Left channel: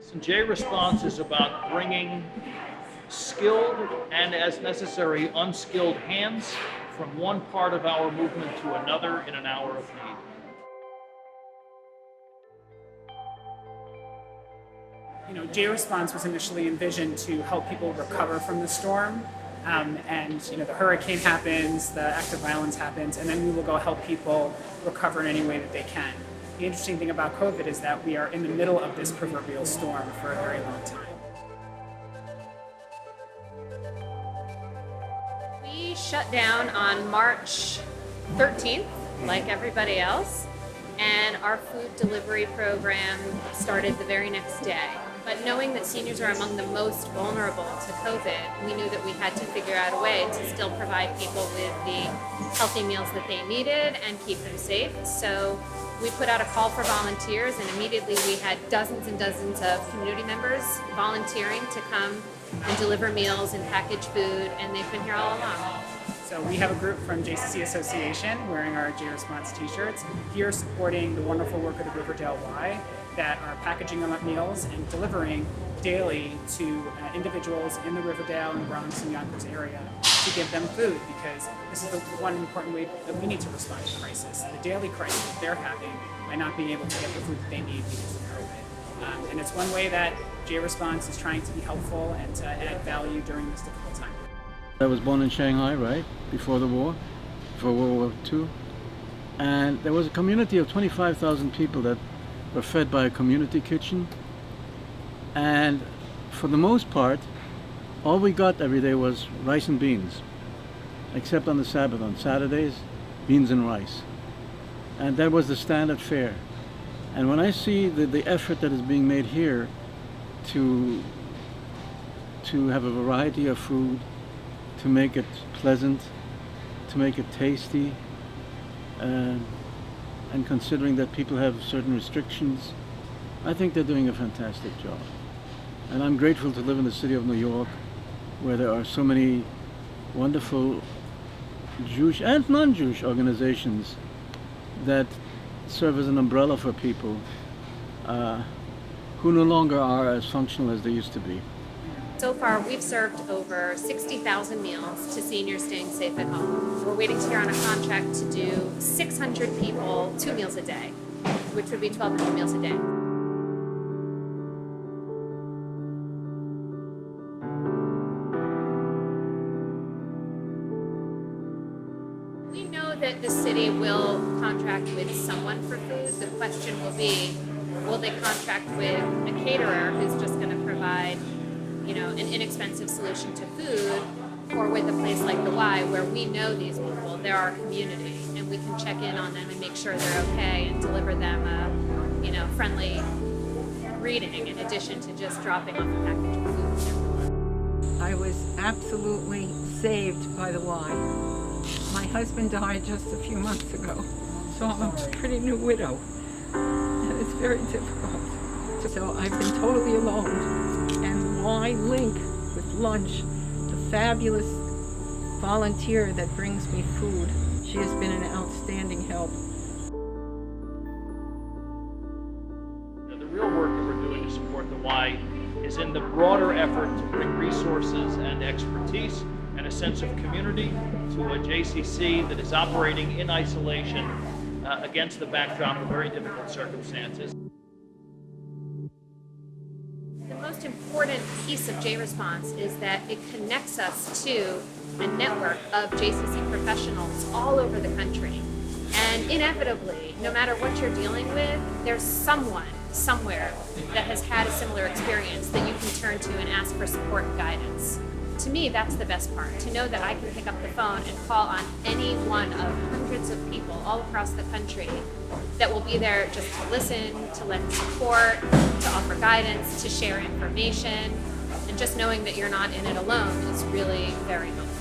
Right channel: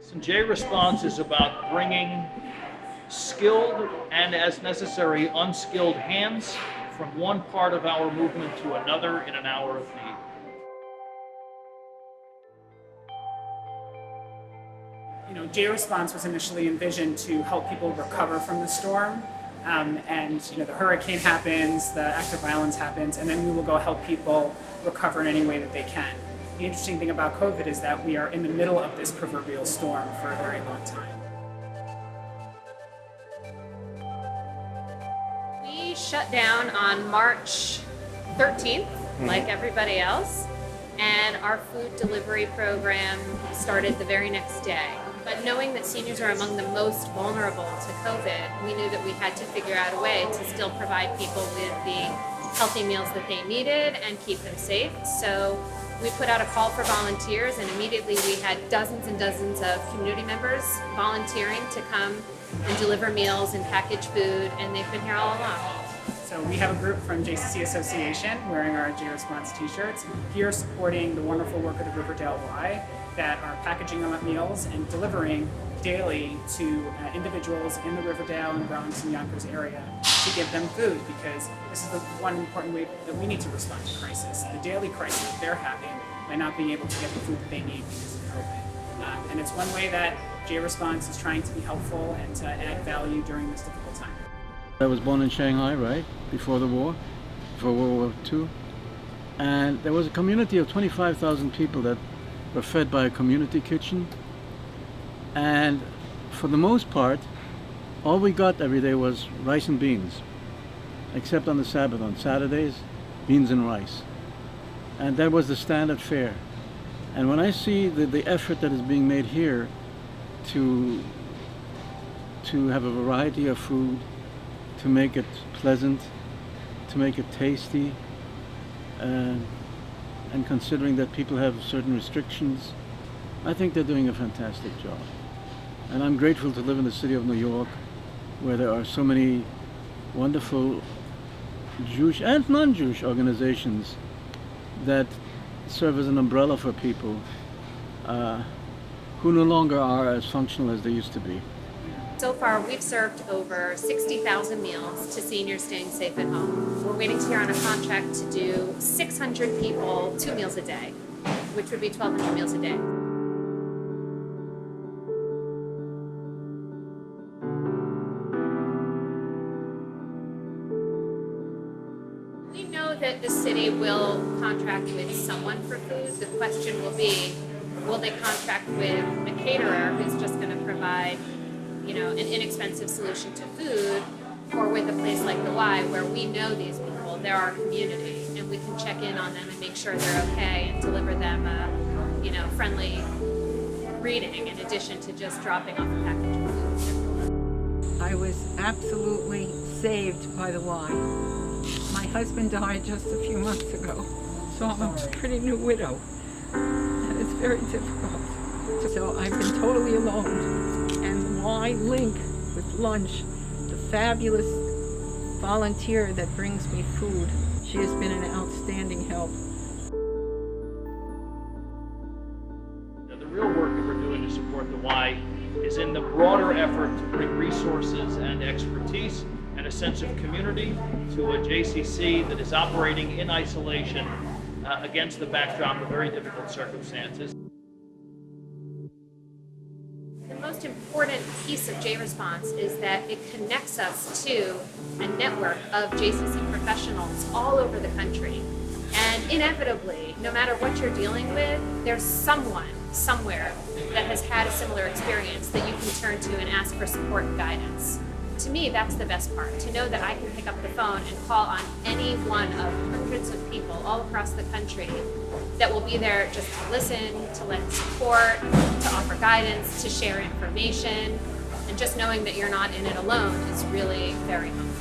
So JResponse is about bringing skilled and, as necessary, unskilled hands from one part of our movement to another in an hour of need. JResponse was initially envisioned to help people recover from the storm. The hurricane happens, the act of violence happens, and then we will go help people recover in any way that they can. The interesting thing about COVID is that we are in the middle of this proverbial storm for a very long time. We shut down on March 13th, like everybody else, and our food delivery program started the very next day. But knowing that seniors are among the most vulnerable to COVID, we knew that we had to figure out a way to still provide people with the healthy meals that they needed and keep them safe. So we put out a call for volunteers, and immediately we had dozens and dozens of community members volunteering to come and deliver meals and package food, and they've been here all along. So we have a group from JCC Association wearing our JResponse t-shirts here supporting the wonderful work of the Riverdale Y that are packaging them up meals and delivering daily to individuals in the Riverdale and Bronx and Yonkers area to give them food, because this is the one important way that we need to respond to crisis, the daily crisis that they're having by not being able to get the food that they need because of COVID. And it's one way that JResponse is trying to be helpful and to add value during this difficult time. I was born in Shanghai, right, before the war, before World War II. And there was a community of 25,000 people that were fed by a community kitchen. And for the most part, all we got every day was rice and beans, except on the Sabbath. On Saturdays, beans and rice. And that was the standard fare. And when I see the effort that is being made here to have a variety of food, to make it pleasant, to make it tasty, and considering that people have certain restrictions, I think they're doing a fantastic job. And I'm grateful to live in the city of New York, where there are so many wonderful Jewish and non-Jewish organizations that serve as an umbrella for people who no longer are as functional as they used to be. So far, we've served over 60,000 meals to seniors staying safe at home. We're waiting to hear on a contract to do 600 people 2 meals a day, which would be 1,200 meals a day. We know that the city will contract with someone for food. The question will be, will they contract with a caterer who's just going to provide an inexpensive solution to food, or with a place like the Y where we know these people, they're our community, and we can check in on them and make sure they're okay and deliver them a friendly greeting in addition to just dropping off a package of food at their door. I was absolutely saved by the Y. My husband died just a few months ago, so I'm a pretty new widow, and it's very difficult. So I've been totally alone. And the Y link with lunch, the fabulous volunteer that brings me food, she has been an outstanding help. The real work that we're doing to support the Y is in the broader effort to bring resources and expertise and a sense of community to a JCC that is operating in isolation against the backdrop of very difficult circumstances. The most important piece of JResponse is that it connects us to a network of JCC professionals all over the country. And inevitably, no matter what you're dealing with, there's someone somewhere that has had a similar experience that you can turn to and ask for support and guidance. To me, that's the best part, to know that I can pick up the phone and call on any one of hundreds of people all across the country that will be there just to listen, to lend support, to offer guidance, to share information, and just knowing that you're not in it alone is really very helpful.